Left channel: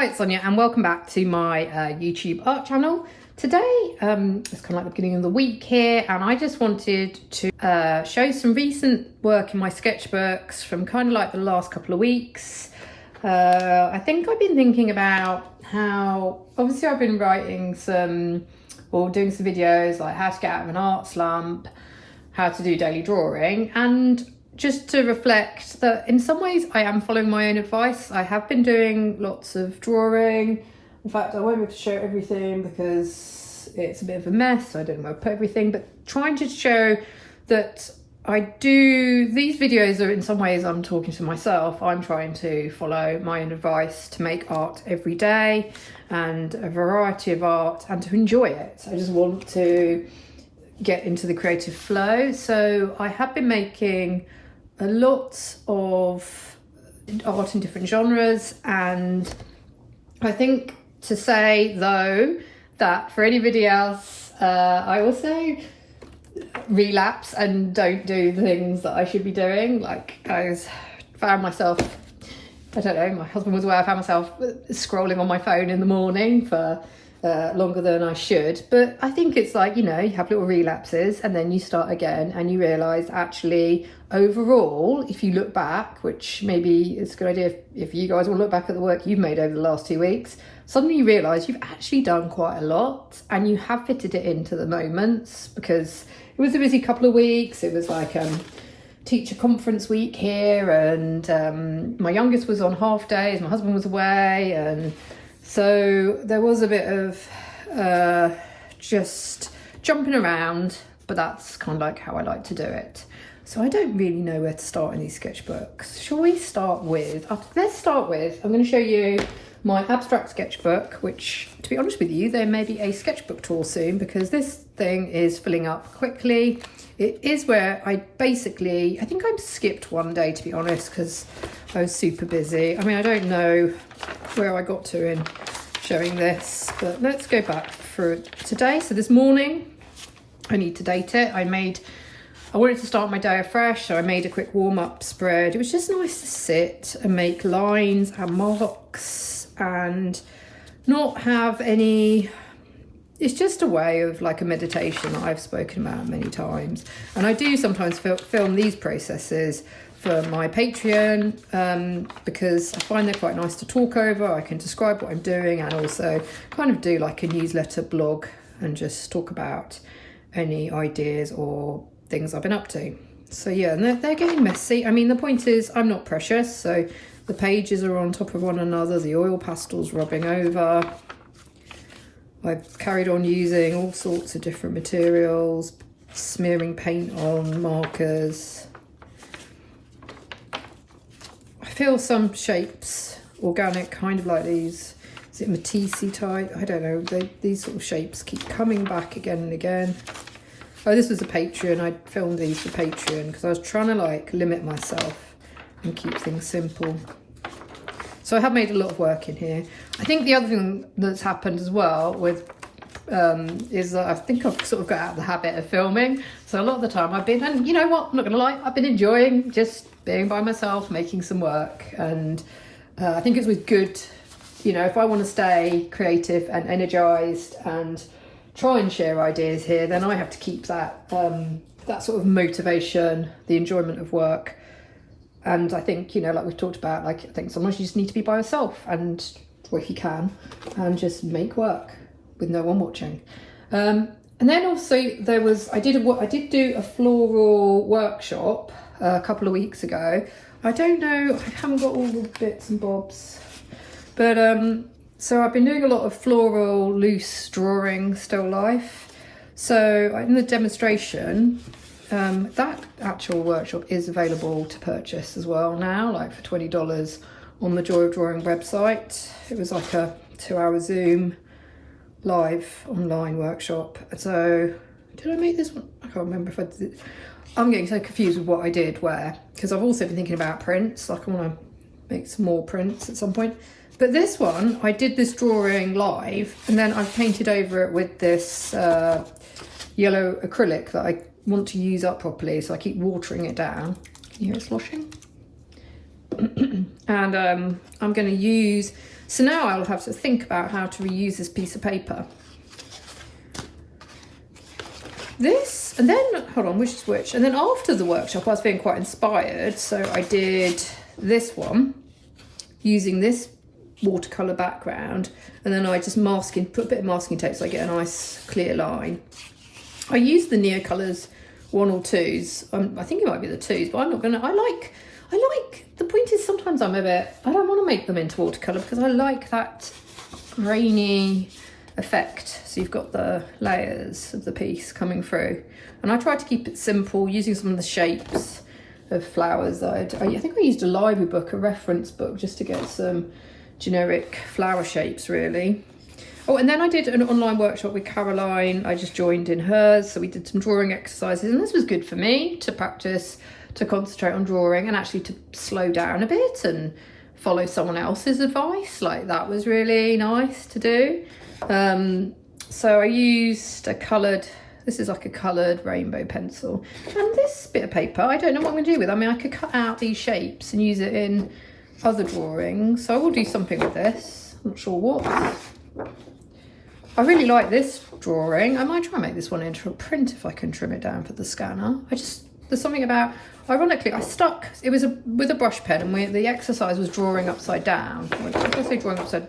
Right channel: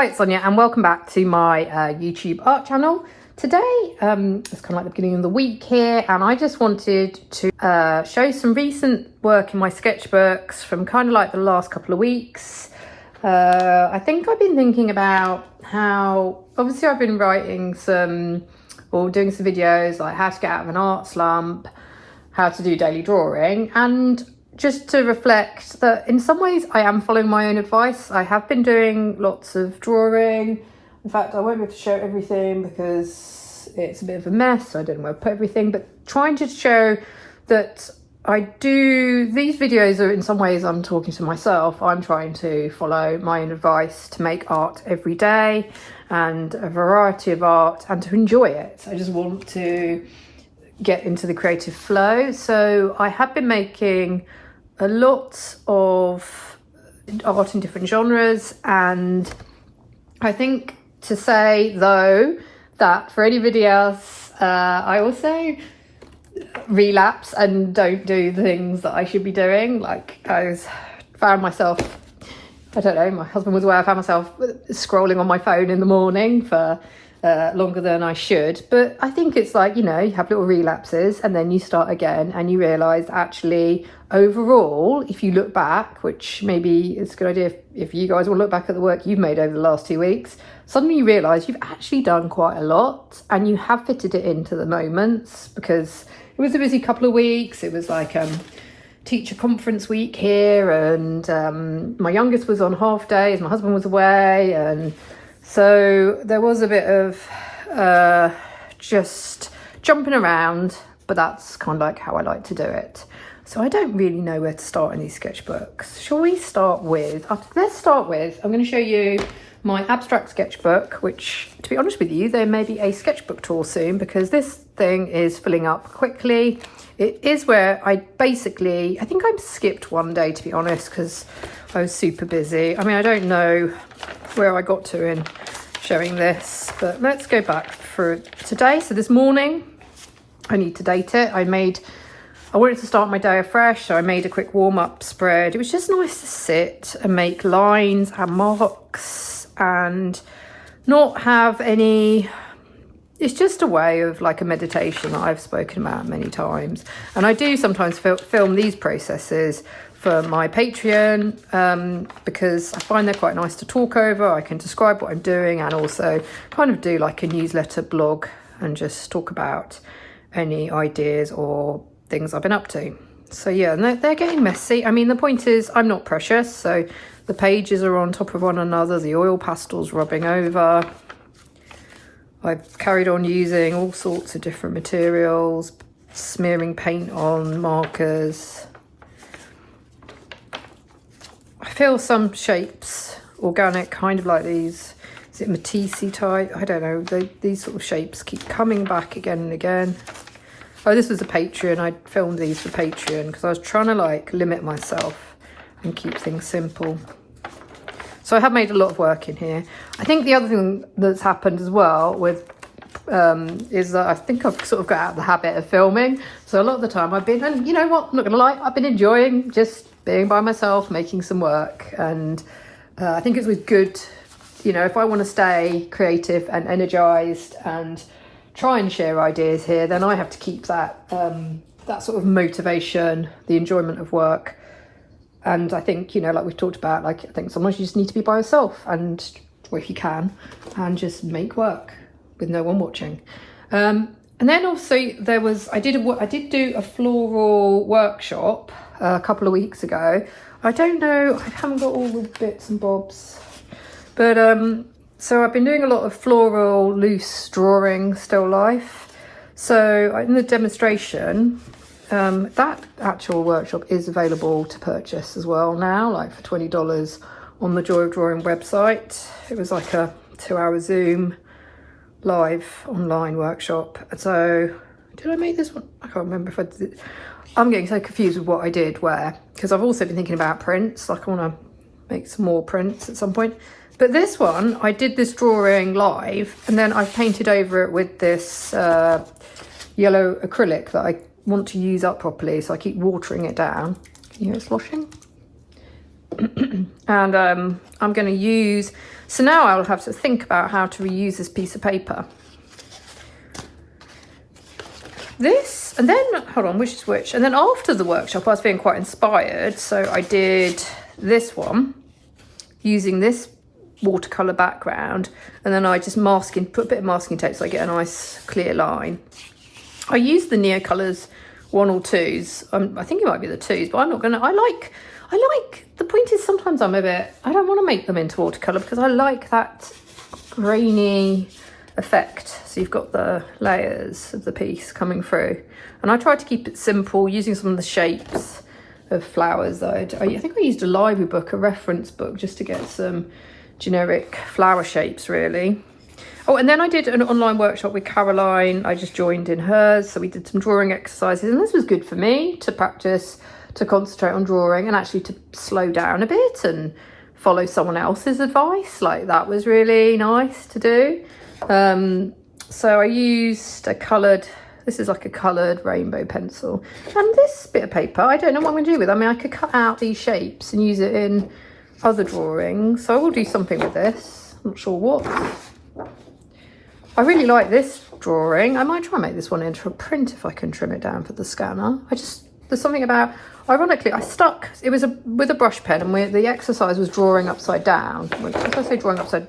Hi, it's Sonia and welcome back to my YouTube art channel. Today, it's kind of like the beginning of the week here, and I just wanted to show some recent work in my sketchbooks from kind of like the last couple of weeks. I think I've been thinking about how, obviously I've been writing some, or doing some videos like how to get out of an art slump, how to do daily drawing, and just to reflect that in some ways I am following my own advice. I have been doing lots of drawing. In fact, I won't be able to show everything because it's a bit of a mess. I don't know where to put everything, but trying to show that I do, these videos are in some ways I'm talking to myself. I'm trying to follow my own advice to make art every day and a variety of art and to enjoy it. I just want to get into the creative flow. So I have been making a lot of art in different genres, and I think to say though that for anybody else, I also relapse and don't do the things that I should be doing. Like found myself, I don't know, my husband was aware, I found myself scrolling on my phone in the morning for longer than I should. But I think it's like, you know, you have little relapses and then you start again and you realise actually overall, if you look back, which maybe it's a good idea if you guys will look back at the work you've made over the last 2 weeks, suddenly you realise you've actually done quite a lot and you have fitted it into the moments, because it was a busy couple of weeks. It was like teacher conference week here, and my youngest was on half days, my husband was away, and so there was a bit of just jumping around, but that's kind of like how I like to do it. So I don't really know where to start in these sketchbooks. Shall we start with, let's start with, I'm going to show you my abstract sketchbook, which, to be honest with you, there may be a sketchbook tour soon because this thing is filling up quickly. It is where I basically, I think I skipped one day, to be honest, because I was super busy. I mean, I don't know where I got to in showing this, but let's go back for today. So this morning, I need to date it. I wanted to start my day afresh, so I made a quick warm-up spread. It was just nice to sit and make lines and marks and not have any, it's just a way of like a meditation that I've spoken about many times. And I do sometimes film these processes for my Patreon because I find they're quite nice to talk over. I can describe what I'm doing and also kind of do like a newsletter blog and just talk about any ideas or things I've been up to. So yeah, and they're getting messy. I mean, the point is I'm not precious, so the pages are on top of one another, the oil pastel's rubbing over. I've carried on using all sorts of different materials, smearing paint on markers. I feel some shapes organic, kind of like these, is it Matisse type? I don't know, these sort of shapes keep coming back again and again. Oh, this was a Patreon. I filmed these for Patreon because I was trying to like limit myself and keep things simple. So I have made a lot of work in here. I think the other thing that's happened as well with is that I think I've sort of got out of the habit of filming. So a lot of the time I've been, and you know what, I'm not gonna lie, I've been enjoying just being by myself, making some work. And I think it's always good, you know, if I want to stay creative and energized and try and share ideas here, then I have to keep that that sort of motivation, the enjoyment of work. And I think, you know, like we've talked about, like I think sometimes you just need to be by yourself and, or if you can, and just make work with no one watching. And then also there was, I did do a floral workshop a couple of weeks ago. I don't know, I haven't got all the bits and bobs, but so I've been doing a lot of floral loose drawing still life. So in the demonstration, that actual workshop is available to purchase as well now, like for $20 on the Joy of Drawing website. It was like a 2-hour Zoom live online workshop. So did I make this one? I can't remember if I did. I'm getting so confused with what I did where, because I've also been thinking about prints, like I want to make some more prints at some point. But this one, I did this drawing live and then I painted over it with this yellow acrylic that I want to use up properly, so I keep watering it down. You know, sloshing. And I'm going to use So now I'll have to think about how to reuse this piece of paper. This, and then, hold on, which is which? And then after the workshop, I was feeling quite inspired. So I did this one using this watercolour background. And then I just put a bit of masking tape so I get a nice clear line. I used the Neocolours 1 or 2s. I think it might be the 2s, but I'm not gonna, I like, the point is sometimes I don't want to make them into watercolour because I like that grainy effect. So you've got the layers of the piece coming through. And I tried to keep it simple using some of the shapes of flowers. I think I used a library book, a reference book, just to get some generic flower shapes really. Oh, and then I did an online workshop with Caroline. I just joined in hers. So we did some drawing exercises, and this was good for me to practice, to concentrate on drawing and actually to slow down a bit and follow someone else's advice. Like, that was really nice to do. So I used this is like a coloured rainbow pencil. And this bit of paper, I don't know what I'm going to do with it. I mean, I could cut out these shapes and use it in other drawings. So I will do something with this. I'm not sure what. I really like this drawing. I might try and make this one into a print if I can trim it down for the scanner. There's something about, ironically, it was with a brush pen, and the exercise was drawing upside down. If I say drawing upside,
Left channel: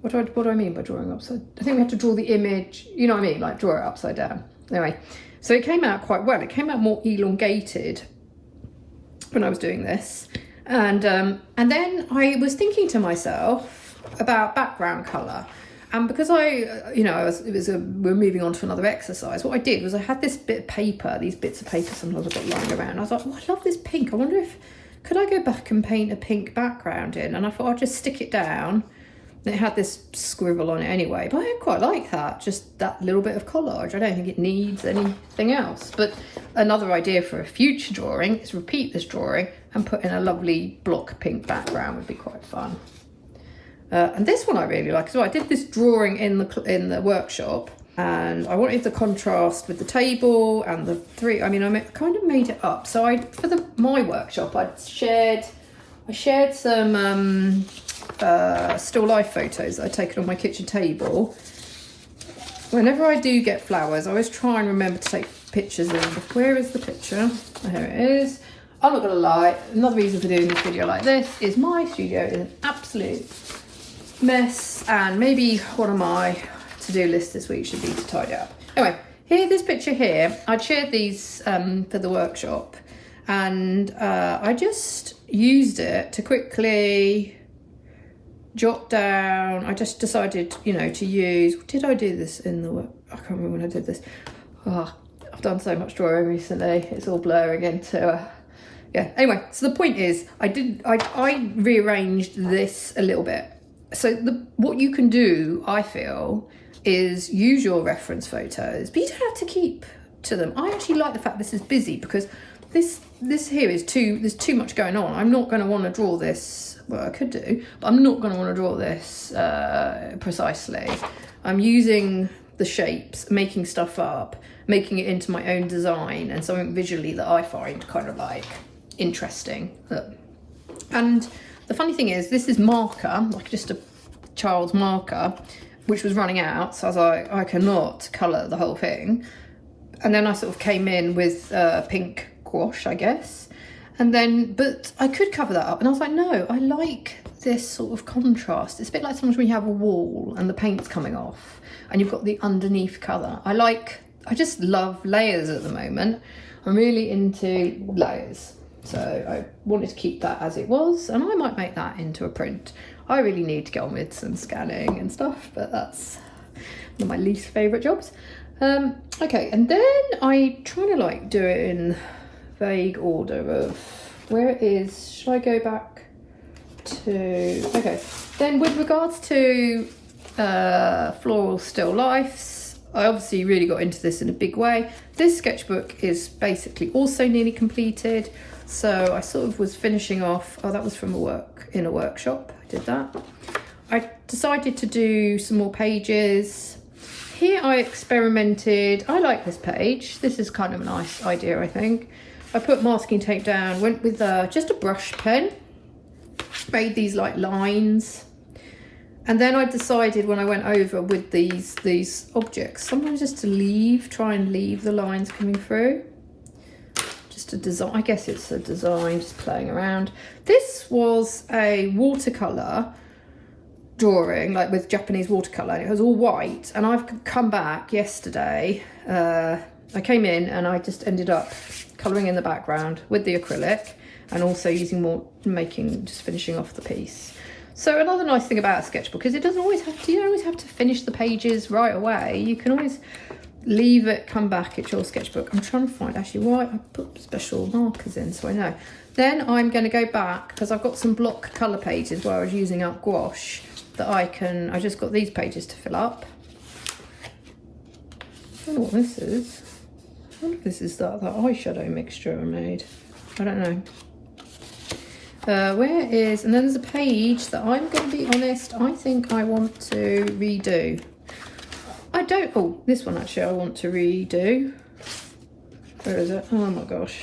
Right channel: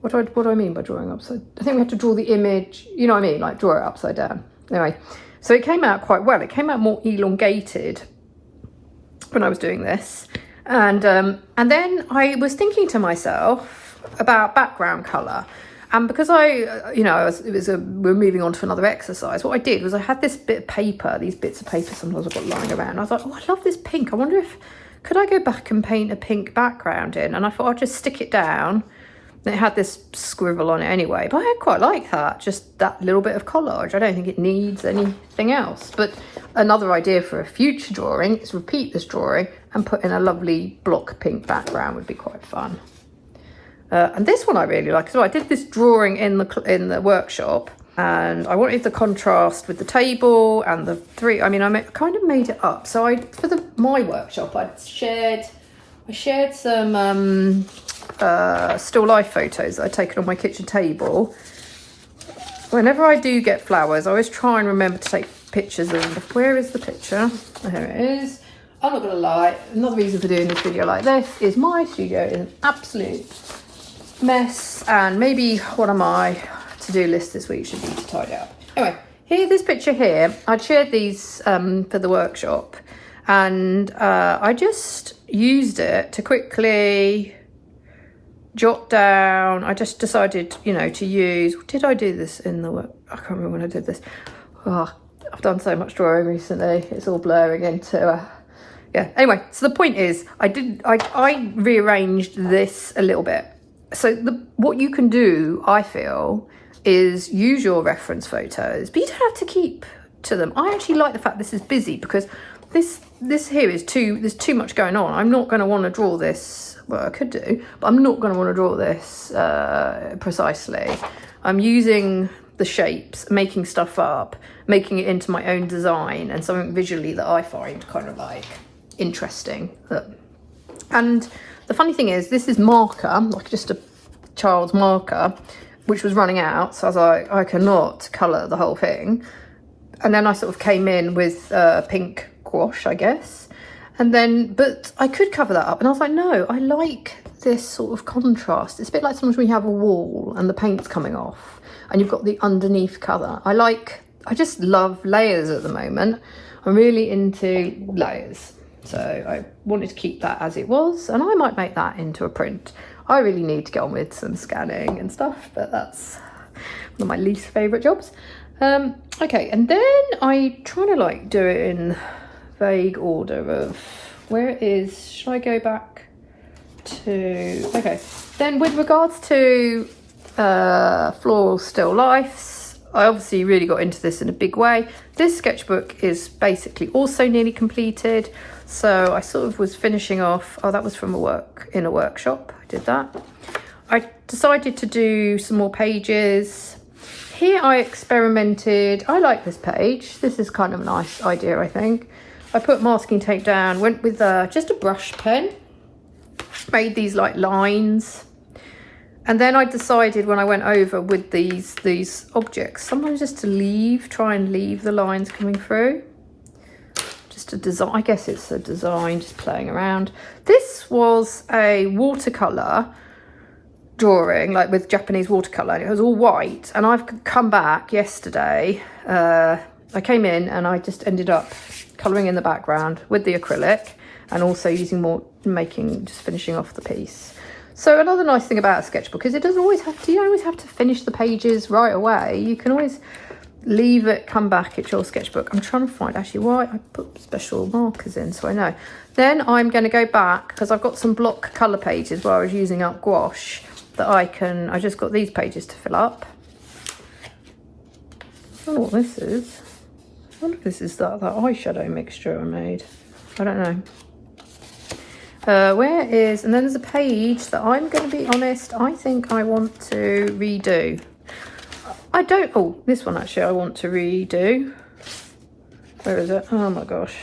what do I mean by drawing upside? I think we have to draw the image, you know what I mean? Like draw it upside down. Anyway, so it came out quite well. It came out more elongated when I was doing this. And then I was thinking to myself about background colour. And because we're moving on to another exercise, what I did was I had this bit of paper, these bits of paper sometimes a bit lying around. I was like, oh, I love this pink. I wonder could I go back and paint a pink background in? And I thought I'd just stick it down. And it had this scribble on it anyway, but I quite like that, just that little bit of collage. I don't think it needs anything else. But another idea for a future drawing is repeat this drawing and put in a lovely block pink background would be quite fun. And this one I really like as well. I did this drawing in the workshop, and I wanted the contrast with the table and the three. I mean, kind of made it up. So for my workshop, I shared some still life photos that I'd taken on my kitchen table. Whenever I do get flowers, I always try and remember to take pictures of. Where is the picture? Oh, here it is. I'm not gonna lie. Another reason for doing this video like this is my studio is an absolute mess, and maybe one of my to-do lists this week should be to tidy up. Anyway, this picture here, I'd shared these for the workshop, and I just used it to quickly jot down. I just decided, to use, did I do this in the work? I can't remember when I did this. Oh, I've done so much drawing recently, it's all blurring into yeah. Anyway, so the point is, I rearranged this a little bit. So what you can do, I feel, is use your reference photos, but you don't have to keep to them. I actually like the fact this is busy because this here is there's too much going on. I'm not going to want to draw this. Well, I could do, but I'm not going to want to draw this precisely. I'm using the shapes, making stuff up, making it into my own design and something visually that I find kind of like interesting. And the funny thing is, this is marker, like just a child's marker, which was running out. So I was like, I cannot colour the whole thing. And then I sort of came in with pink gouache, I guess. And then, but I could cover that up. And I was like, no, I like this sort of contrast. It's a bit like sometimes when you have a wall and the paint's coming off and you've got the underneath colour. I just love layers at the moment. I'm really into layers. So I wanted to keep that as it was, and I might make that into a print. I really need to get on with some scanning and stuff, but that's one of my least favourite jobs. Okay, and then I try to do it in vague order of where it is. Should I go back to, okay. Then with regards to floral still lifes, I obviously really got into this in a big way. This sketchbook is basically also nearly completed. So I sort of was finishing off, that was from a workshop, I did that. I decided to do some more pages. Here I experimented, I like this page. This is kind of a nice idea, I think. I put masking tape down, went with just a brush pen, made these like lines. And then I decided when I went over with these objects, sometimes just to try and leave the lines coming through. Just a design, I guess it's a design, just playing around. This was a watercolour drawing, like with Japanese watercolour, and it was all white. And I've come back yesterday, I came in and I just ended up colouring in the background with the acrylic and also using just finishing off the piece. So another nice thing about a sketchbook is you don't always have to finish the pages right away. You can always leave it, come back at your sketchbook. I'm trying to find actually why I put special markers in so I know. Then I'm going to go back because I've got some block colour pages where I was using up gouache that I just got these pages to fill up. I don't know what this is. I wonder if this is that eyeshadow mixture I made. I don't know. And then there's a page that I'm going to be honest, I think I want to redo. This one actually I want to redo. Where is it? Oh my gosh.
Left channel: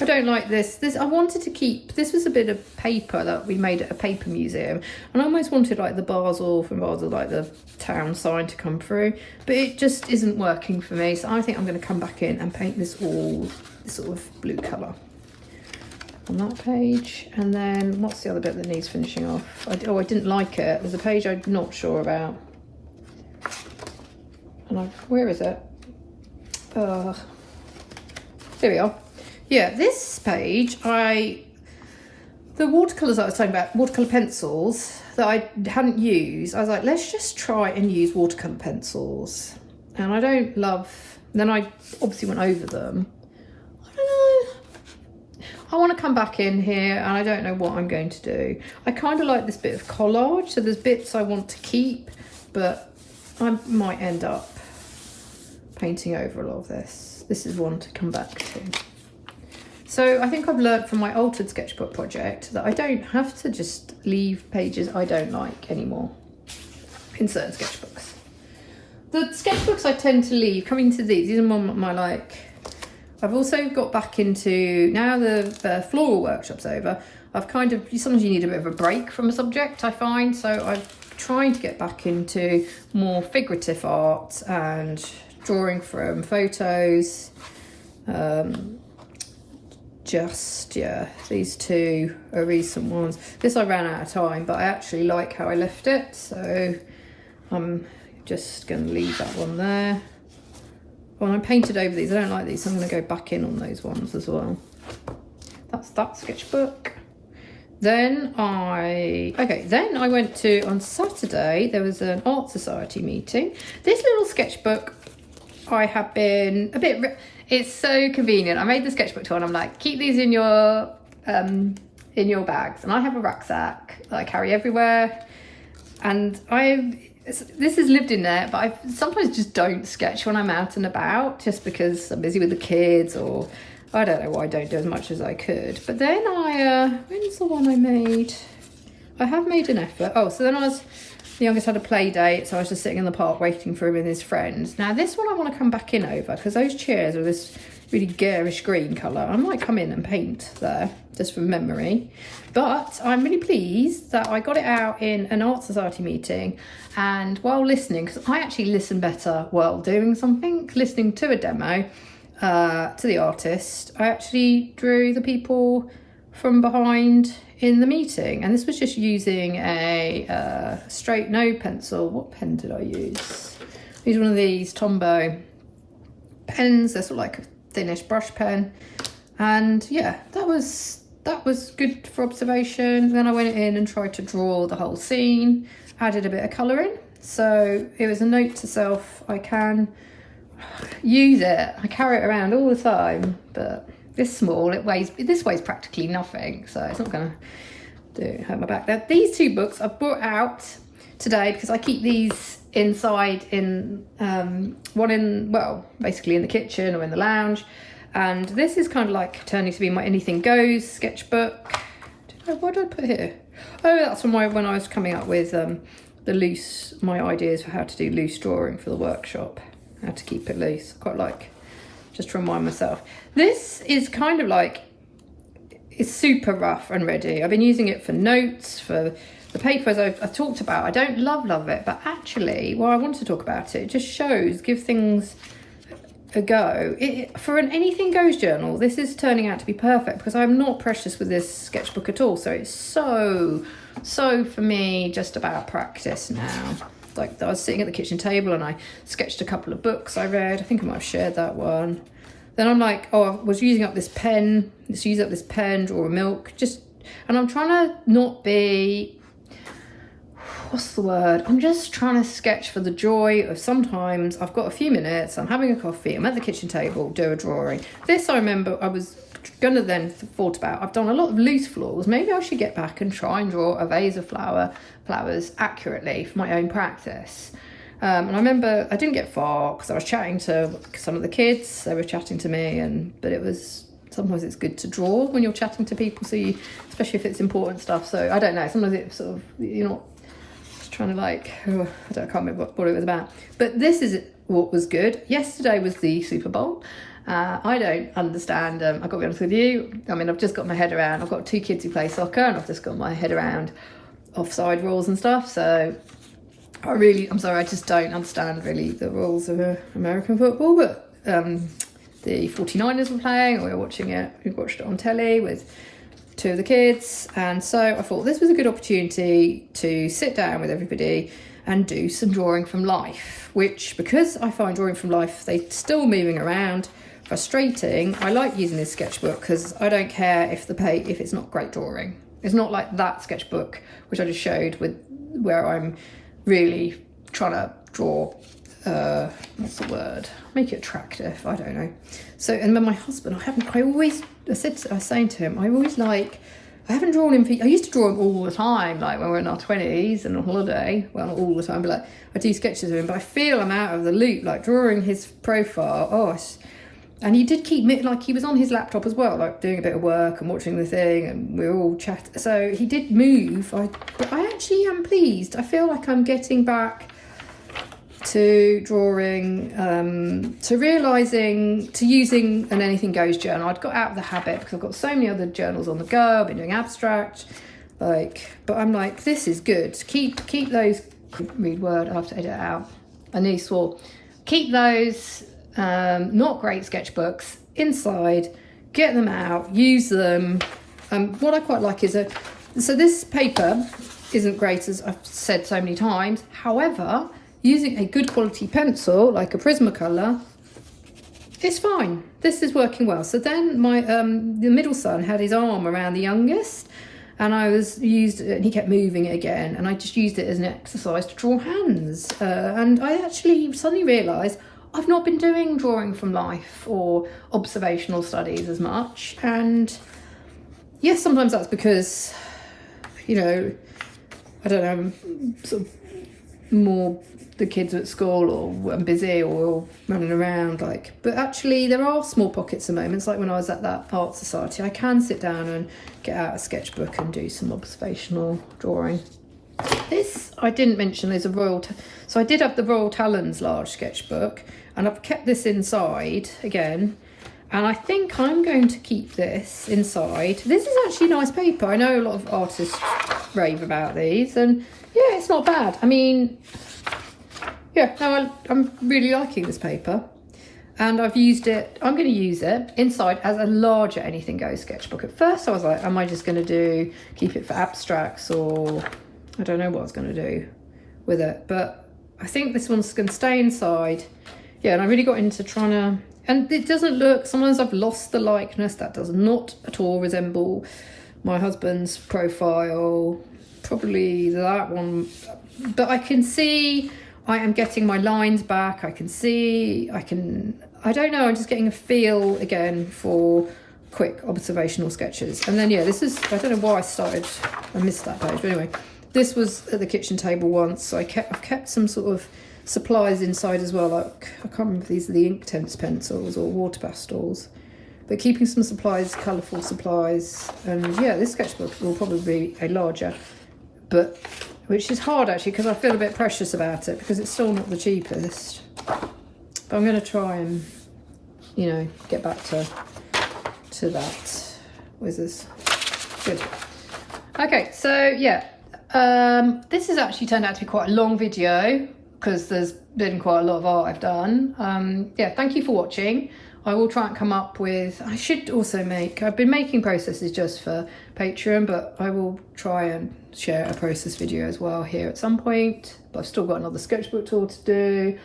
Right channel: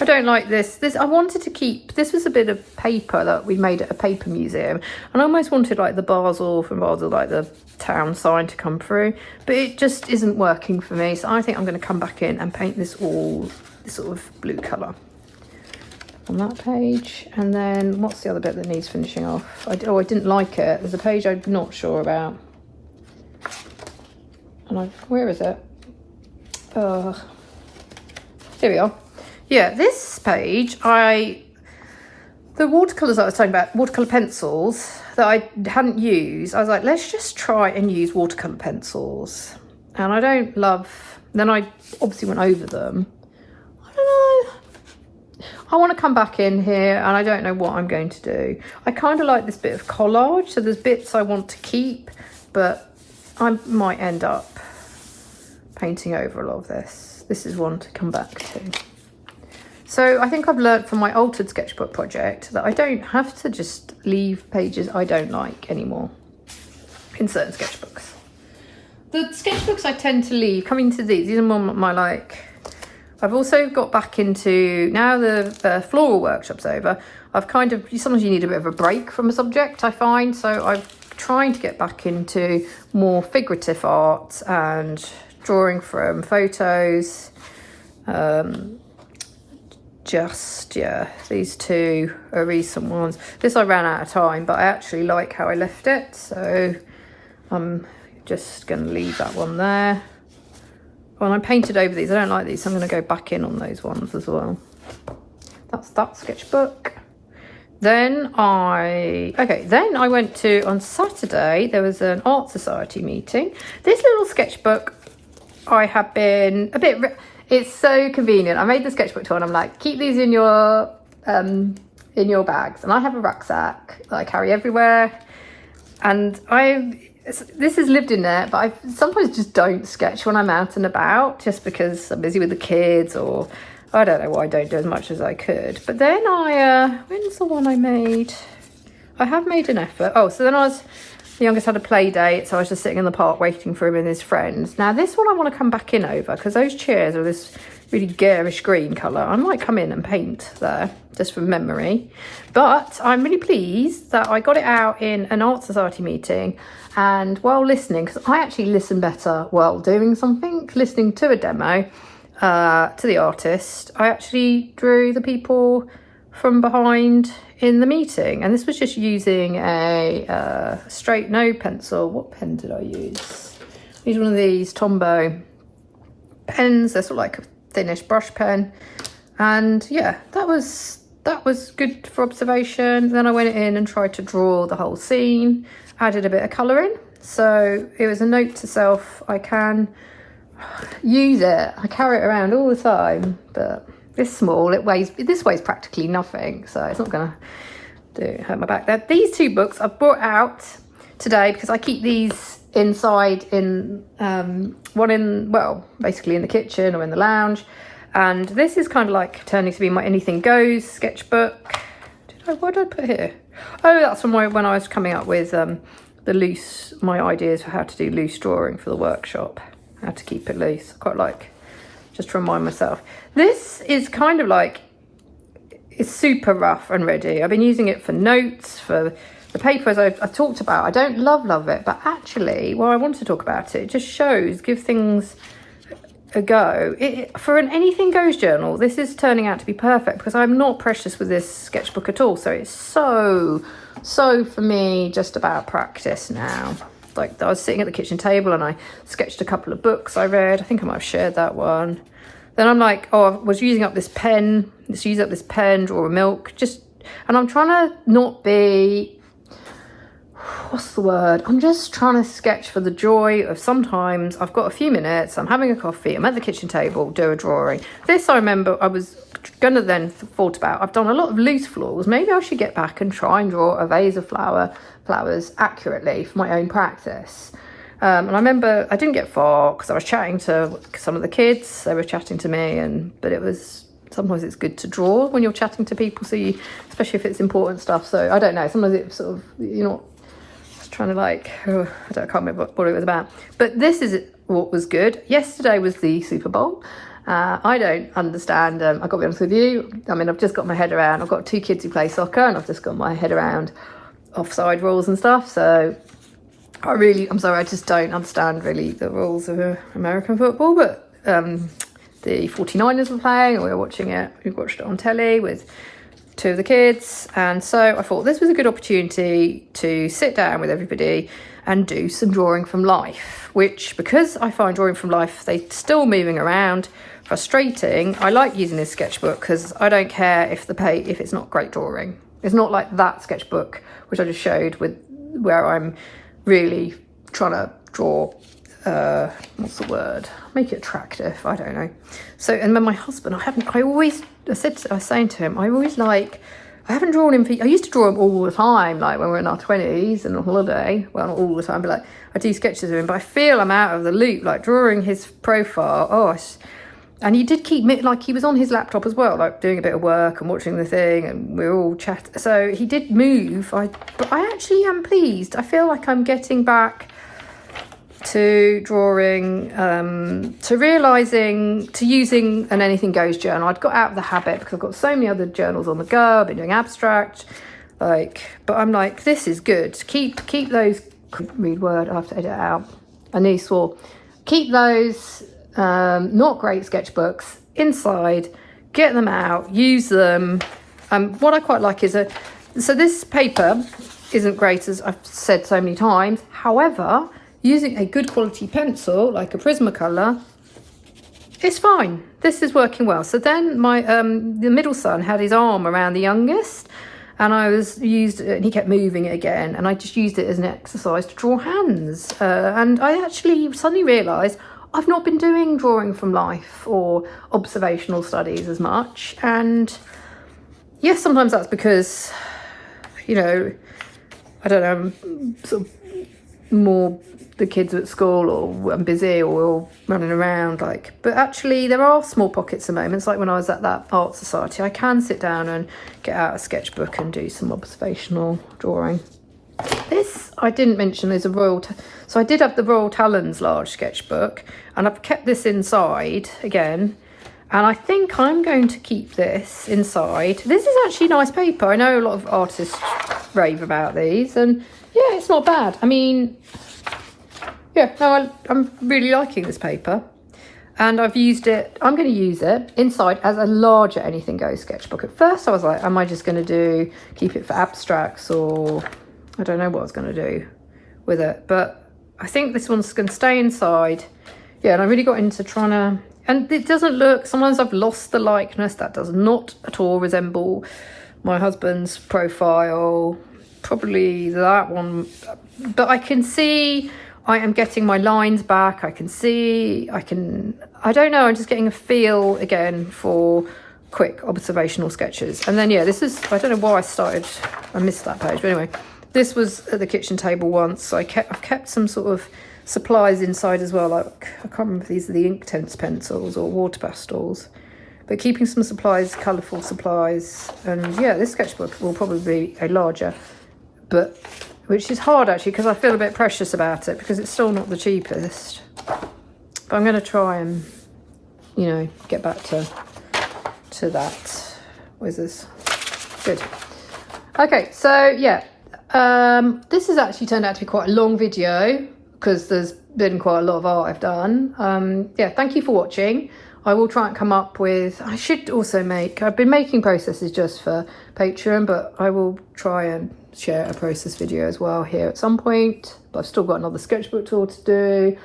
I don't like this. I wanted to keep, this was a bit of paper that we made at a paper museum. And I almost wanted like the from Basel, like the town sign to come through. But it just isn't working for me. So I think I'm going to come back in and paint this sort of blue colour on that page. And then what's the other bit that needs finishing off? I didn't like it. There's a page I'm not sure about. And where is it? Here we are. Yeah, this page, the watercolours I was talking about, watercolour pencils that I hadn't used, I was like, let's just try and use watercolour pencils. And I don't love, then I obviously went over them. I want to come back in here and I don't know what I'm going to do. I kind of like this bit of collage, so there's bits I want to keep, but I might end up painting over a lot of this. This is one to come back to. So I think I've learned from my altered sketchbook project that I don't have to just leave pages I don't like anymore in certain sketchbooks. The sketchbooks I tend to leave, coming to these are more my like, I've also got back into, now the floral workshop's over, sometimes you need a bit of a break from a subject, I find, so I'm trying to get back into more figurative art and drawing from photos. These two are recent ones. This I ran out of time, but I actually like how I left it, so I'm just going to leave that one there. Well, I painted over these. I don't like these, so I'm going to go back in on those ones as well. That's that sketchbook. Then I went to, on Saturday, there was an art society meeting. This little sketchbook, I have been a bit, it's so convenient. I made the sketchbook tool and I'm like, keep these in your bags. And I have a rucksack that I carry everywhere. And this has lived in there, but I sometimes just don't sketch when I'm out and about, just because I'm busy with the kids, or I don't know why I don't do as much as I could. But then when's the one I made? I have made an effort. Oh, so then the youngest had a play date, so I was just sitting in the park waiting for him and his friends. Now this one I want to come back in over, because those chairs are this really garish green colour. I might come in and paint there, just from memory. But I'm really pleased that I got it out in an art society meeting. And while listening, because I actually listen better while doing something, listening to a demo, to the artist, I actually drew the people from behind in the meeting. And this was just using a straight no pencil. What pen did I use? I used one of these Tombow pens. They're sort of like a thinnish brush pen. And yeah, that was good for observation. Then I went in and tried to draw the whole scene. Added a bit of colouring, so it was a note to self, I can use it, I carry it around all the time, but this small, this weighs practically nothing, so it's not gonna hurt my back there. These two books I've brought out today because I keep these inside in basically in the kitchen or in the lounge, and this is kind of like turning to be my anything goes sketchbook. What did I put here? Oh, that's from when I was coming up with my ideas for how to do loose drawing for the workshop. How to keep it loose. Quite like, just to remind myself. This is kind of like, it's super rough and ready. I've been using it for notes, for the paper, as I've talked about, I don't love it, but actually, well, I want to talk about it. It just shows, give things a go. For an anything goes journal, this is turning out to be perfect because I'm not precious with this sketchbook at all. So it's so for me, just about practice now. Like, I was sitting at the kitchen table and I sketched a couple of books I read. I think I might have shared that one. Then I'm like, oh, I was using up this pen. Let's use up this pen, draw a milk. And I'm trying to not be, what's the word? I'm just trying to sketch for the joy of sometimes I've got a few minutes, I'm having a coffee, I'm at the kitchen table, do a drawing. This, I remember I was gonna then thought about, I've done a lot of loose florals. Maybe I should get back and try and draw a vase of flowers accurately for my own practice. And I remember I didn't get far because I was chatting to some of the kids. They were chatting to me, but it was, sometimes it's good to draw when you're chatting to people, so you, especially if it's important stuff. So I don't know, sometimes it's sort of, you're not just trying to like, I can't remember what it was about. But this is what was good. Yesterday was the Super Bowl. I don't understand, I've got to be honest with you, I mean, I've just got my head around, I've got 2 kids who play soccer and I've just got my head around offside rules and stuff, so I'm sorry, I just don't understand really the rules of American football. But the 49ers were playing and we watched it on telly with 2 of the kids, and so I thought this was a good opportunity to sit down with everybody and do some drawing from life, which, because I find drawing from life, they're still moving around, frustrating. I like using this sketchbook because I don't care if it's not great drawing. It's not like that sketchbook which I just showed with where I'm really trying to draw, what's the word? Make it attractive, I don't know. So, and then my husband, I was saying to him, I haven't drawn him I used to draw him all the time, like when we were in our 20s and on holiday. Well, not all the time, but like I do sketches of him, but I feel I'm out of the loop, like drawing his profile. And he did keep me, like he was on his laptop as well, like doing a bit of work and watching the thing, and we were all chatting. So he did move, but I actually am pleased. I feel like I'm getting back to drawing, to realising, to using an anything goes journal. I'd got out of the habit because I've got so many other journals on the go. I've been doing abstract, but I'm like, this is good. Keep those, read word, I have to edit it out. I need swore. Keep those not great sketchbooks inside, get them out, use them. What I quite like is so this paper isn't great, as I've said so many times. However, using a good quality pencil like a Prismacolor, it's fine. This is working well. So then my the middle son had his arm around the youngest, and and he kept moving it again, and I just used it as an exercise to draw hands. And I actually suddenly realised I've not been doing drawing from life or observational studies as much. And yes, sometimes that's because, I don't know, I'm sort of more the kids at school, or I'm busy, or we're all running around, but actually there are small pockets of moments, like when I was at that art society, I can sit down and get out a sketchbook and do some observational drawing. This, I didn't mention, is so I did have the Royal Talons large sketchbook, and I've kept this inside again, and I think I'm going to keep this inside. This is actually nice paper. I know a lot of artists rave about these, and yeah, it's not bad. I mean, yeah, I'm really liking this paper, and I've used it, I'm going to use it inside as a larger anything goes sketchbook. At first I was like, am I just going to keep it for abstracts, or I don't know what I was going to do with it, but I think this one's going to stay inside. Yeah, and I really got into trying to, and it doesn't look, sometimes I've lost the likeness. That does not at all resemble my husband's profile, probably that one, but I can see I am getting my lines back. I don't know, I'm just getting a feel again for quick observational sketches. And then, yeah, this is, I don't know why I missed that page, but anyway, this was at the kitchen table once, so I've kept some sort of supplies inside as well, like, I can't remember if these are the Inktense pencils or water pastels, but keeping some supplies, colourful supplies. And yeah, this sketchbook will probably be a larger, but which is hard actually, because I feel a bit precious about it, because it's still not the cheapest. But I'm going to try and, get back to that. Where's this? Good. Okay, so yeah, This has actually turned out to be quite a long video because there's been quite a lot of art I've done. Yeah, thank you for watching. I will try and come up with, I should also I've been making processes just for Patreon, but I will try and share a process video as well here at some point. But I've still got another sketchbook tour to do.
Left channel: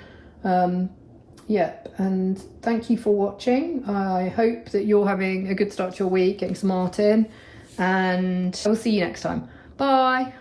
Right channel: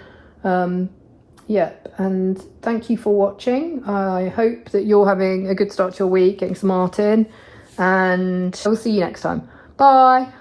Yeah, and thank you for watching. I hope that you're having a good start to your week, getting some art in, and I will see you next time. Bye.